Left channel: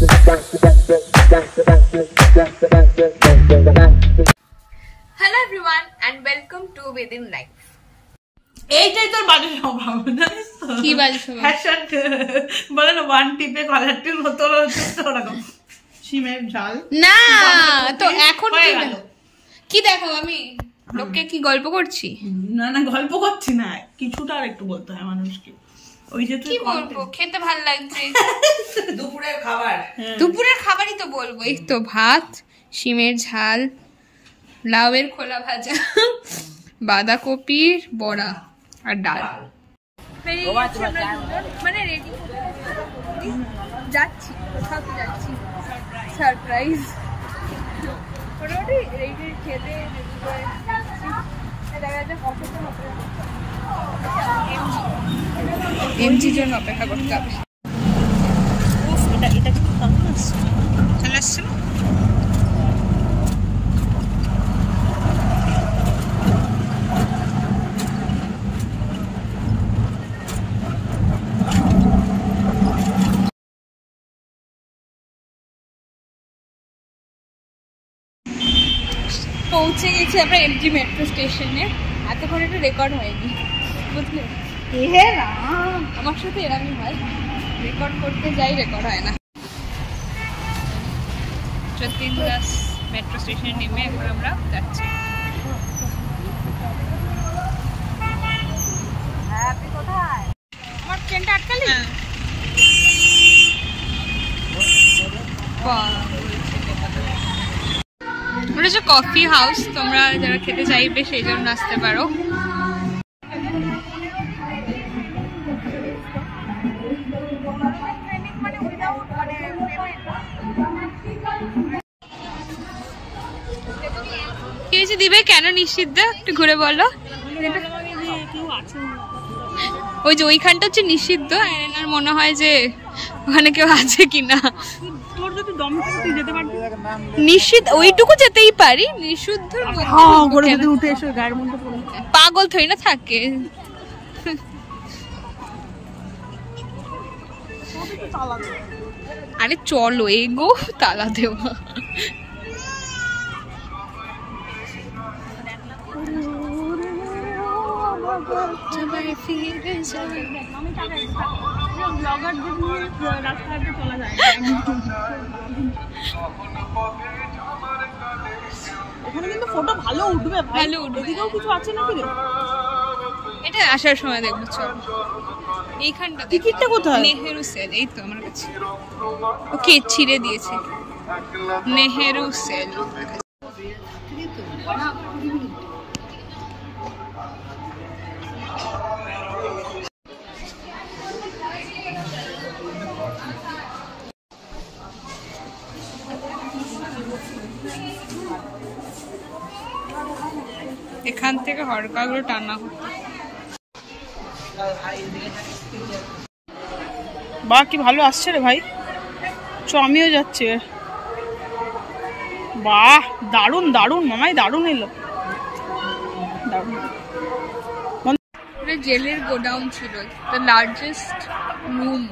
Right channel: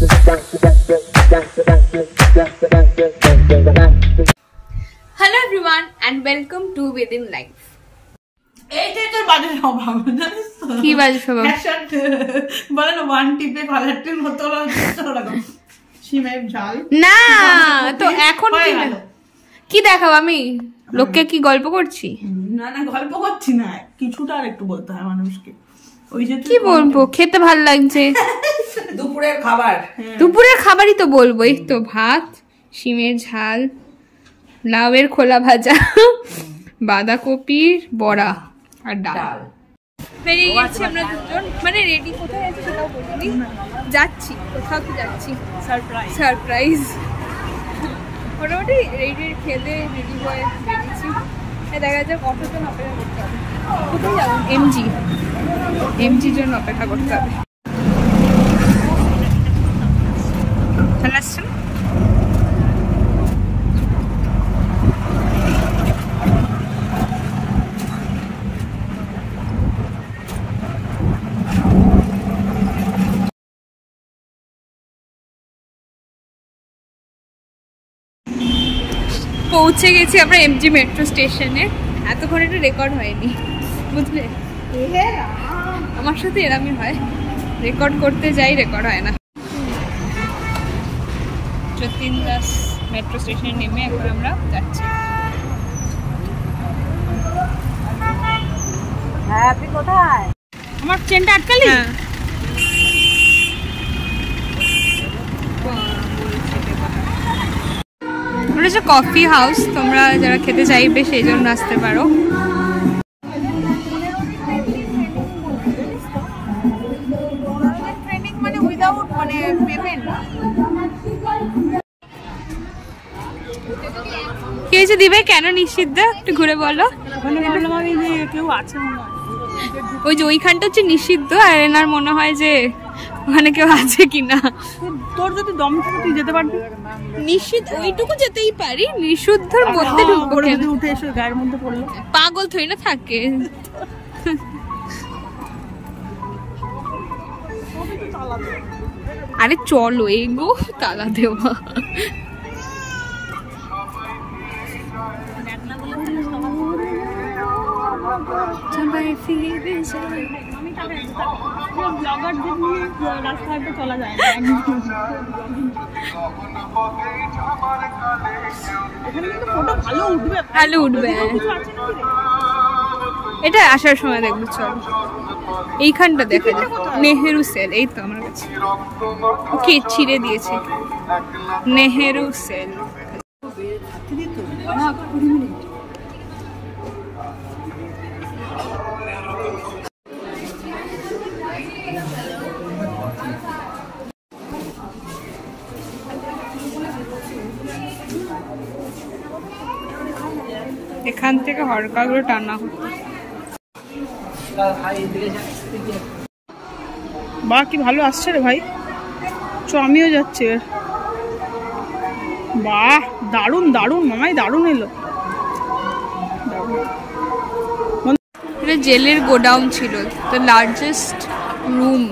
Hello everyone and welcome to Within Life. এইটাই তোর বাজে স্বভাব, জানিস তো? কি বাজে স্বভাব? বলে না ওয়ান টিপে কলারটির মতো ওরকম শিমের ঝাল। না তো এখন কি দেখাবো আমি? লোককে কি গল্প করছি? না না গল্প করছি না, কিছুটা আর একটু বলতে হয় মানুষকে। ওই যে কি বলবো, খেতে ভাল লাগছে। দুপুরের খাবার, দুপুরের খাবারই তো বলবো। এই তো ভাত, শিমের ঝাল, লাউয়ের খোলা ভাজা, বাঁধাকপির বড়া আর ডাল। বেরিয়ে গেছি আমরা দুজন, মানে রেডি কোথায় আছি সেটাও বলিনি। যাচ্ছি কোথাও তো যাচ্ছি, সারপ্রাইজ। মোটামুটি রেডি খেতে রেডি হয়ে বেরিয়েছি। দেখা যাক কতজন অপেক্ষা করতে হবে। কোথায় যাবো? এমজির জন্য অপেক্ষা করতে হবে। চলে আসছে না? পৌঁছে গেছি আমরা এমজি মেট্রো স্টেশনে। এতক্ষণ এটা রেকর্ড হয়নি, বুঝলে? আমার সাথে এরমই হয়, রেকর্ড করতে যাই রেকর্ড হয় না। যতীন দাস মেট্রো স্টেশনে নেমে এখন আমরা যাচ্ছি। হ্যাঁ, আপনি কোথায়? আমার ট্রেনটা আটকালি? ওটা হচ্ছে কফি হাউস, তোমরা যারা খেতে চাইবে সেই জন্য আসতে পারো। কি হয়েছে দিবে? কেন নিষিদ্ধ একটু ঘুরে বলো। ওই যে ওইখানটা হচ্ছে নিষিদ্ধ, আর এনার মনে হয় যে ওখানে কেউ আছে কিনা। তোর যদি দম থাকে তুই যেতে পারবি। নিষিদ্ধ ওইটুকু যেতেই পারি, নিষিদ্ধর মধ্যে উঠে এসে গায়ের মধ্যে পড়লো। পাগল থই না থাকে। আরে চলো এগো, তালা দেওয়া। রাস্তাঘাটে চলা যায় ভালো উঠবে। এটা আসার সময় দেখবো, চল। এইখানটা দেখা নেহেরু সেল, এই তো আমার কাছে। ওকে ছিঁড়ে দিয়েছে, নেহেরু সেল। এখান থেকে হরকাগুলো টানা হতো। বা কি ভালো আসছে রে ভাই, চ আমিও যাচ্ছি। বাহ দারুন দারুন মামাই, দারুন এলো। এটা জেলের গোডাউন ছিল, দ্য লার্জেস্ট রুম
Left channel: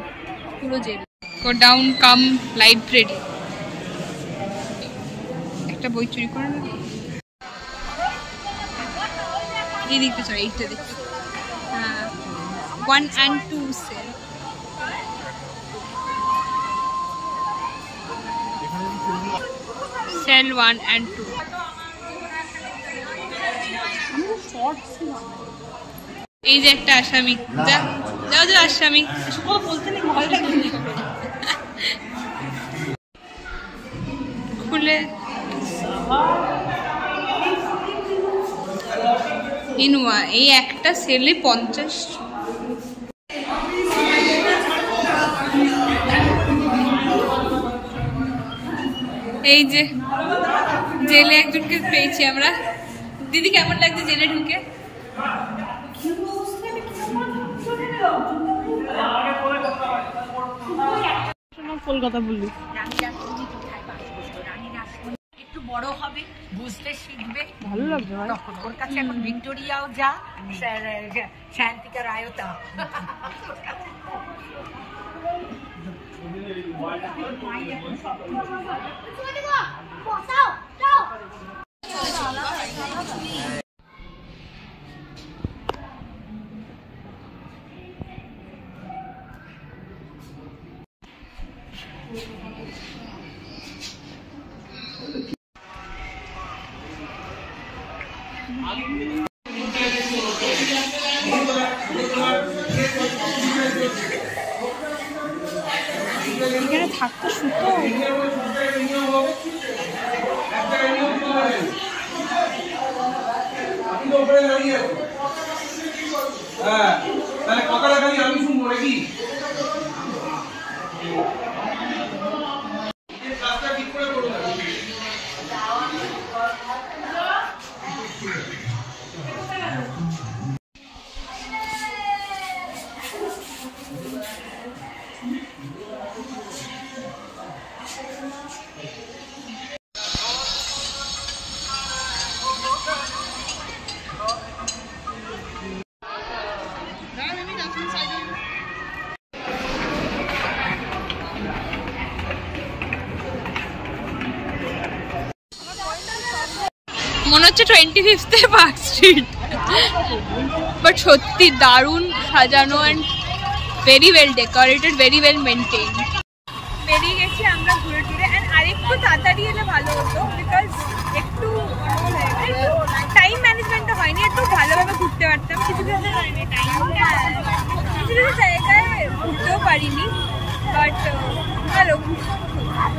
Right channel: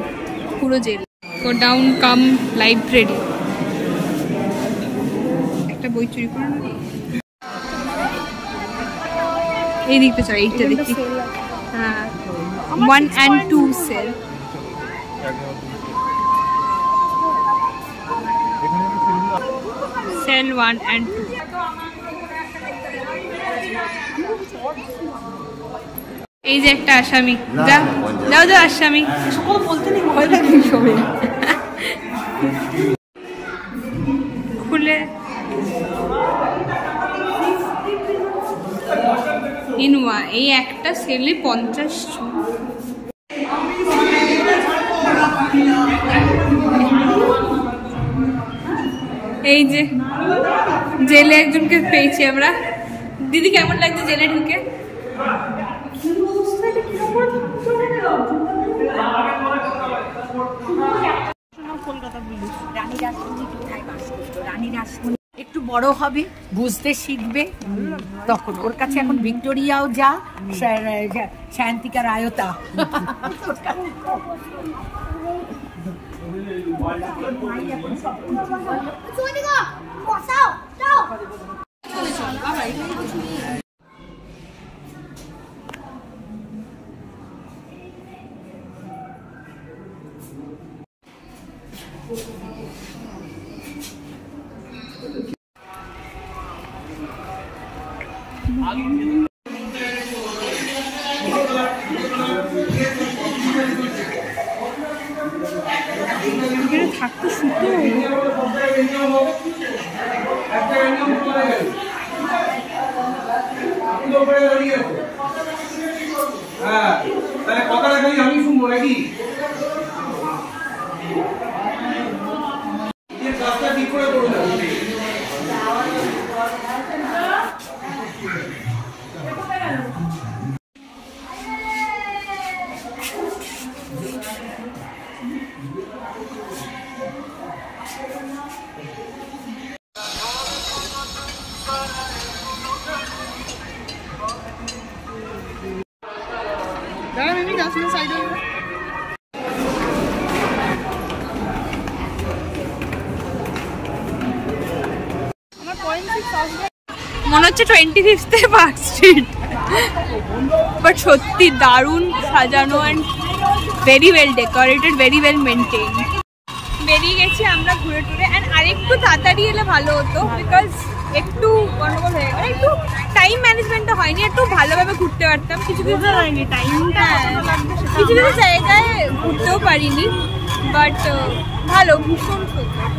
পুরো জেল। গোডাউন কাম লাইব্রেরি। একটা বই চুরি করে না, এই দিকটা চল, এইটা দেখি। হ্যাঁ, 1 and 2 সেল। Sell 1 and 2। এই যে একটা আসামি, যাও যাও যাও আসামি। খুলে ইনওয়া, এই একটা সেলে 50। এই যে জেলে একজনকে পেয়েছি আমরা। দিদি কেমন লাগছে জেলে ঢুকে? কলকাতা বললি একটু বড় হবে, বুঝতে শিখবে, তখন ওর কাছে এখন ভিক্টোরিয়াও যা, শান্তিকা রায়তা। এখানে থাকতো সুতো। আমি শুনবো নাকি কাজটা ঠিক করে করুন। মনে হচ্ছে 25th পার্ক স্ট্রিট, বাট সত্যি দারুণ সাজানো and very well decorated, very well maintain. বেরিয়ে গেছি আমরা ঘুরে টুরে, অ্যান্ড আরেকটু তাড়াতাড়ি এলে ভালো হতো, বিকজ একটু গন্ডগোল হয়ে গেল, একটু টাইম ম্যানেজমেন্টটা হয়নি, একটু ভালোভাবে ঘুরতে পারতাম। কিছু কিছু হয়নি টাইমটা, কিছু কিছু জায়গায় ঘুরতেও পারিনি, বাট ভালো, ভীষণ সুন্দর।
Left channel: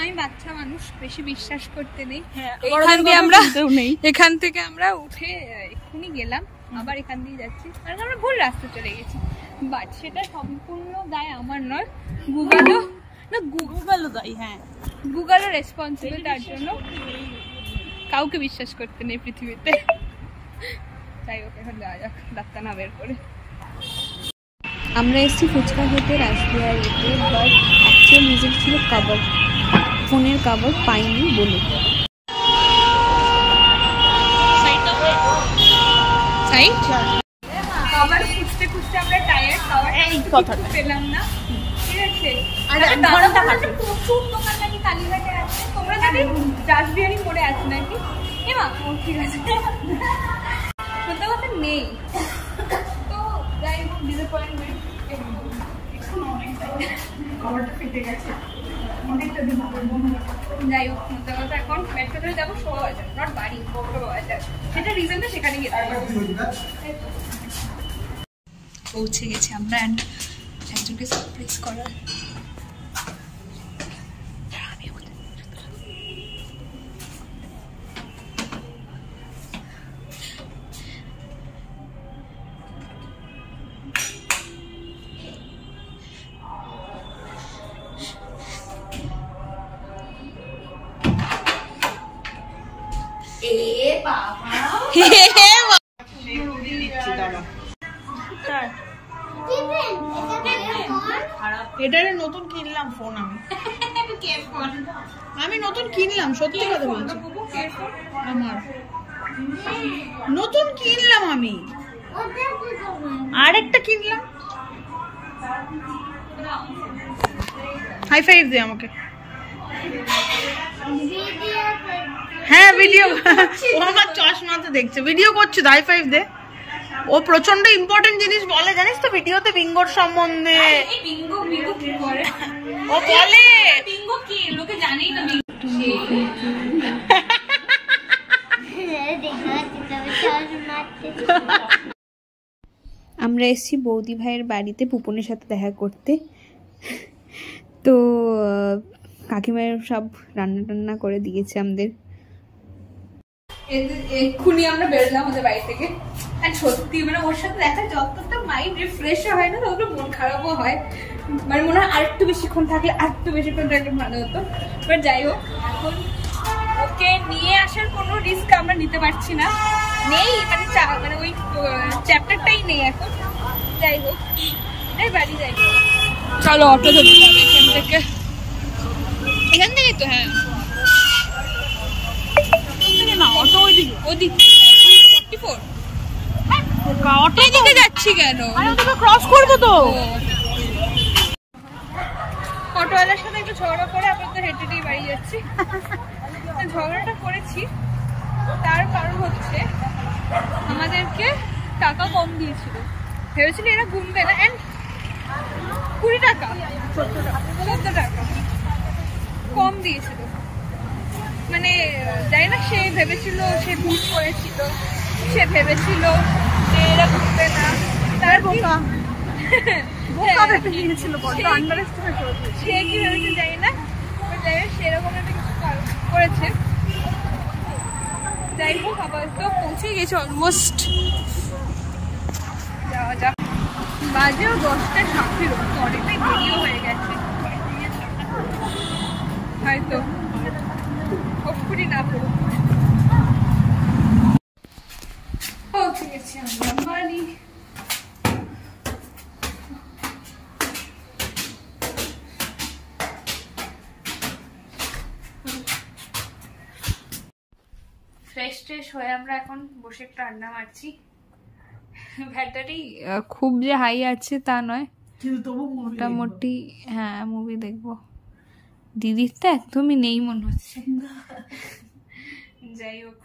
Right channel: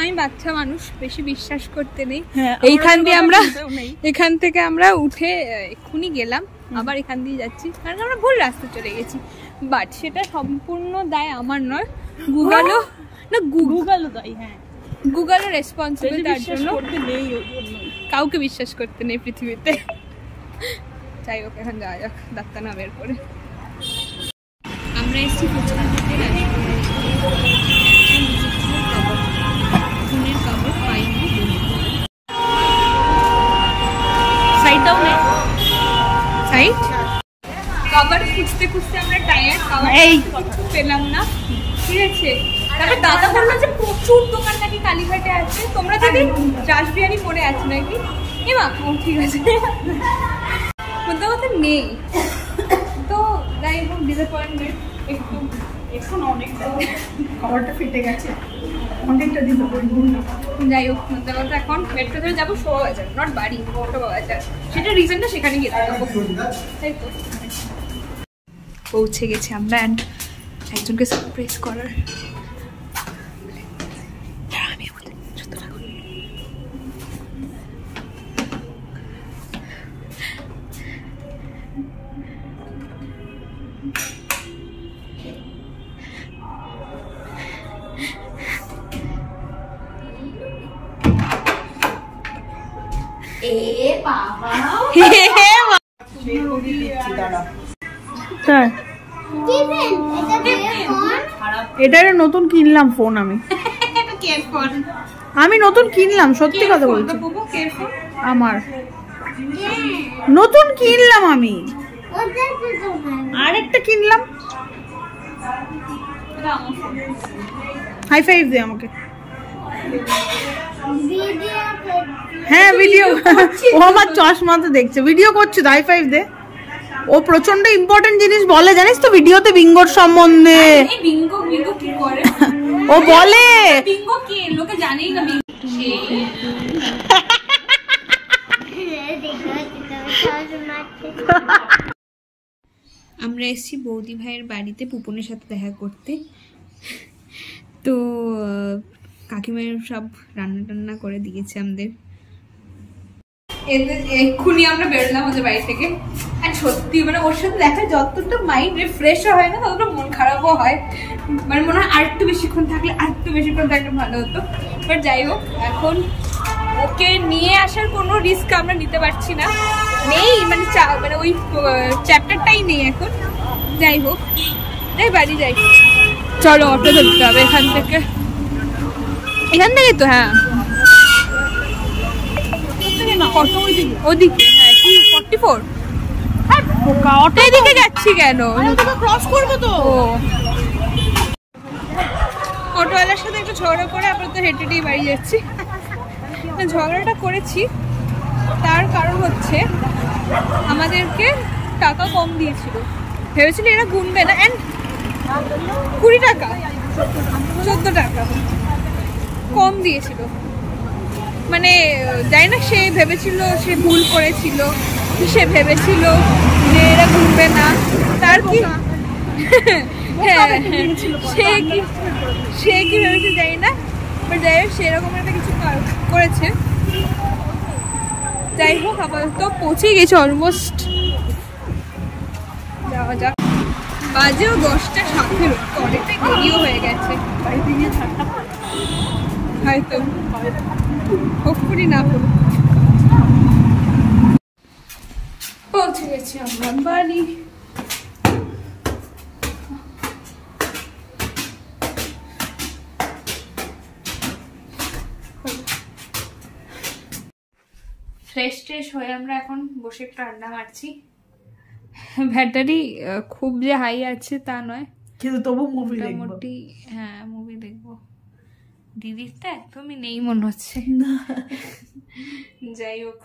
আমি বাচ্চা মানুষ, বেশি বিশ্বাস করতে নেই। এখান থেকে আমরা উঠে এক্ষুনি গেলাম, আবার এখান দিয়ে যাচ্ছি, কারণ আমরা ভুল রাস্তা চলে গেছি। বাট সেটা সম্পূর্ণ দায় আমার নয়, গুগলও না, গুগলও দায়ী। হ্যাঁ, গুগলও রেসপন্সিবল তার জন্য। কাউকে বিশ্বাস করতে নেই পৃথিবীতে। যাই হোক, এখন যাওয়া যাক ডাক্তার না বের করে। আমরা এসেছি ফুচকা খেতে রাসবিহারিতে, বাট অ্যাকচুয়াল মিউজিক ছিল কভার, ফোনের কভার পাইনি বলে। সাইড কভার খুঁজতে খুঁজতে আমরা টায়ার্ড, কভার এই কথা পেলাম না, ঠিক আছে। তারপর দাদা বললো যে প্রচুর দোকান নাকি কালীঘাটে আছে, তোমরা যদি রাসবিহারি মোড়ে আছে নাকি। এমা ও ঠিক আছে, কোথাও কথা নেই। তো যাই হোক, ডিসঅ্যাপয়েন্টমেন্ট একটু, এখন অনেকটা কভারটা ফিটে গেছে, অনেকটা ডিসঅ্যাপয়েন্টমেন্ট। যাই হোক, মধ্যে এখন মেট্রো ধরে যাবো শোভাবাজার, নট বাড়ি, শোভাবাজার। সেটা রিজনটা সেখানে গেতে যাবো, তাই তো। পৌঁছে গেছি আমরা, অ্যান্ড একজনকে সারপ্রাইজ করার। এটা নতুন কিনলাম ফোন, আমি নতুন কিনলাম, সত্যি কথা বলছি, আমার নতুন কিনলাম, আমি আরেকটা কিনলাম। হাই ফাইভ দে আমাকে। হ্যাঁ ভিডিও, ও আমার চশমা তো দেখছে, ভিডিও করছে, হাই ফাইভ দে। ও প্রচন্ড ইম্পর্টেন্ট জিনিস বলে, জানিস তো ভিডিওতে, বিঙ্গোর সম্বন্ধে। ও বলে আমরা এসেছি বৌদি ভাইয়ের বাড়িতে পুপনের সাথে দেখা করতে। তো কাকিমায়ের সব রান্না টান্না করে দিয়েছে আমাদের। এক্ষুনি আমরা বেরোলাম ওদের বাড়ি থেকে, আর সত্যি মানে ওর সাথে দেখা যতটা মাইন্ড রিফ্রেশ হয় না, ততটা মন খারাপও হয়। মানে মনে হয় আরেকটু বেশিক্ষণ থাকলে ভালো হতো। বাট যাই হোক, এখন ওকে নিয়ে আসার কোনো রিস্ক আমরা নিতে পারছি না, নেই মানে মানে ওই চ্যাপ্টারটাই নেই এখন। যাই হোক, যাই বাড়ি যাই। চলো অটো ধরতে হবে এখান থেকে, তো হ্যাঁ ওদিকে। হ্যাঁ, কি 44? অটো এদিকে যাচ্ছি কেন? ক্রস করবো তো। অটোওয়ালার সাথে একটু ঝগড়া করে আপাতত হেঁটে হেঁটেই বাড়ি যাচ্ছি। ঝগড়াটা করেছি তার কারণ হচ্ছে আমাদেরকে টাকা কম দিয়েছিল, ভেবেছিল এরা গুনবে না, অ্যান্ড 20 টাকা 14 টাকা কম দিয়েছিল। মানে জানি না, সে ভেবেছিল সে ভুল করেছিল, সে ভেবেছিল যে এরা গুনবে না, তার কি সে কি ভেবেছে জানি না, বাট যাই হোক সেরকম একটা কিছু করেছে। যাই হোক আপাতত পৌঁছে গেছে অলমোস্ট, যাওয়া যাক। বাজেও 10:07, তো অনেকটাই দেরিও হয়ে গেছে হয়তো, হোপফুলি না করুক। পৌঁছে গেছি আমরা বাড়ি। ফ্রেশ ট্রেশ হয়ে আমরা এখন বসে একটু আড্ডা মারছি। ব্যাটারি খুব যে হাই আছে তা নয়, কিন্তু তবু মোটামুটি হ্যাঁ মুভি দেখবো। দিদির তো একদমই নেই মনে হচ্ছে। যাই হোক